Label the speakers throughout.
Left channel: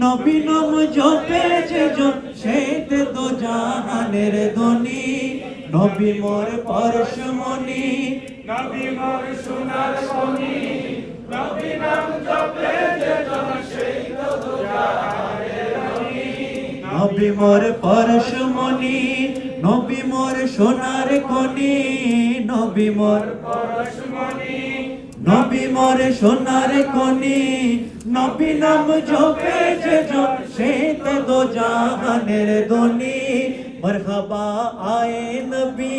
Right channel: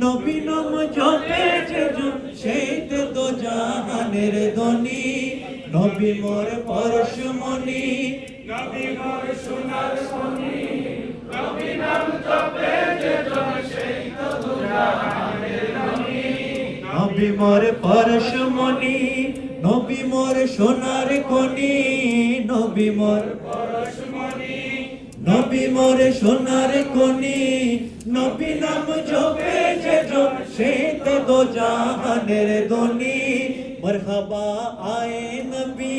Speaker 1: নবী নাম জপেছে যেজন সেইতে তো জাহানের ধ্বনি। নবী মোর পরশমণি
Speaker 2: নবী মোর সোনার মণি নবী নাম জপে জন সেই তো দুজাহানের ধনী
Speaker 1: নবী মোর পরশমণি মোর সোনার কনি নবী মোর। নবী মোর সোনার কনি নবী নাম জপে যে জন, সে তো দো জাহানের দনি মরহাবা আয়ে নবী,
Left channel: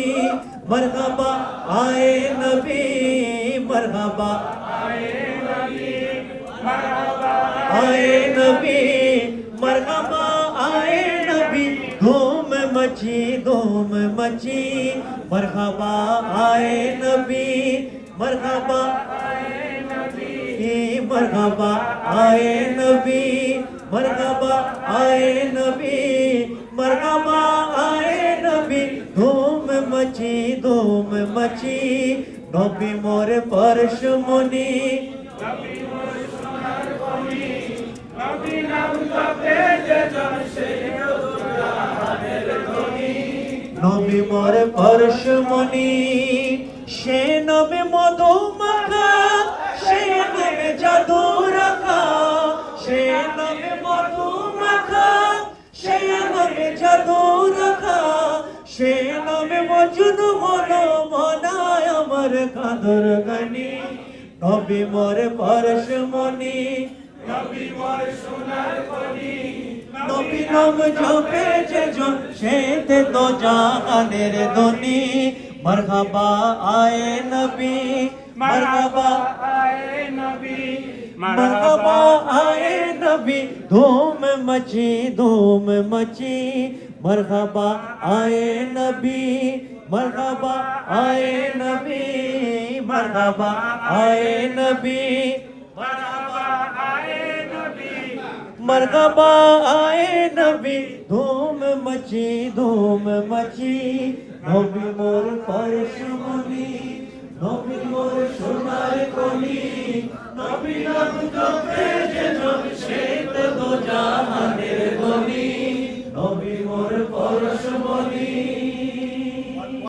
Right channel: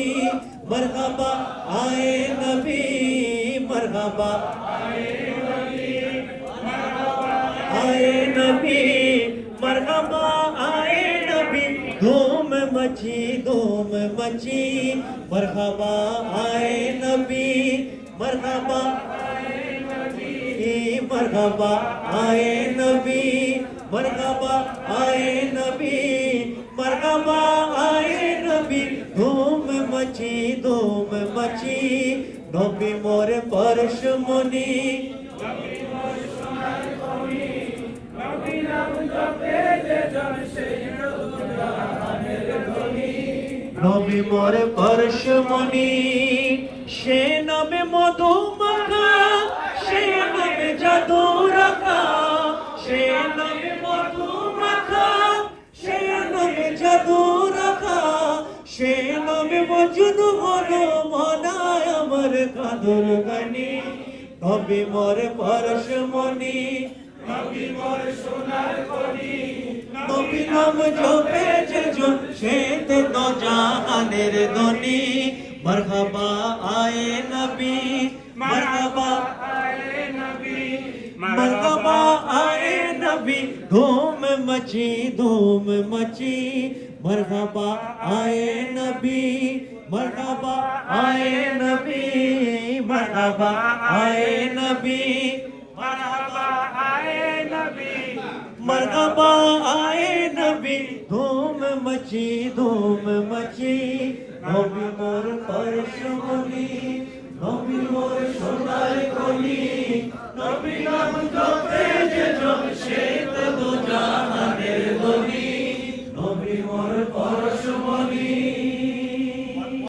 Speaker 1: মরহাবা আয়ে নবী, মরহাবা আয়ে নবী, মরহাবা আয়ে मची धूम मची मरहबा आए नबी मरहबा ए मरहबा आए नबी मरहबा आए नबी मरहबा आए नबी धूम मची धूम मची नबी मोर परश मुनि
Speaker 2: নবী
Speaker 1: মোর পরশমণি সে নবী মধু মাখা সে নবী জাদু রাখা সে নবী মধু মাখা সে নবী জাদু রাখা সে নবী মজনু হলো মনায় আমার কাদর গানি। নবী মোর পরশমণি
Speaker 2: নবী মোর সোনার খনি
Speaker 1: নবীনম ঝোপেছে সেতে তো आए नबी धूम मची धूम मची आए नबी, मरहबा आए नबी, मरहबा आए नबी, मरहबा आए नबी। मरहबा অমৃ ধুম মচি ধুম মচি নবী মোর পরশ মুনি নবী মোর সোনার কলি নবী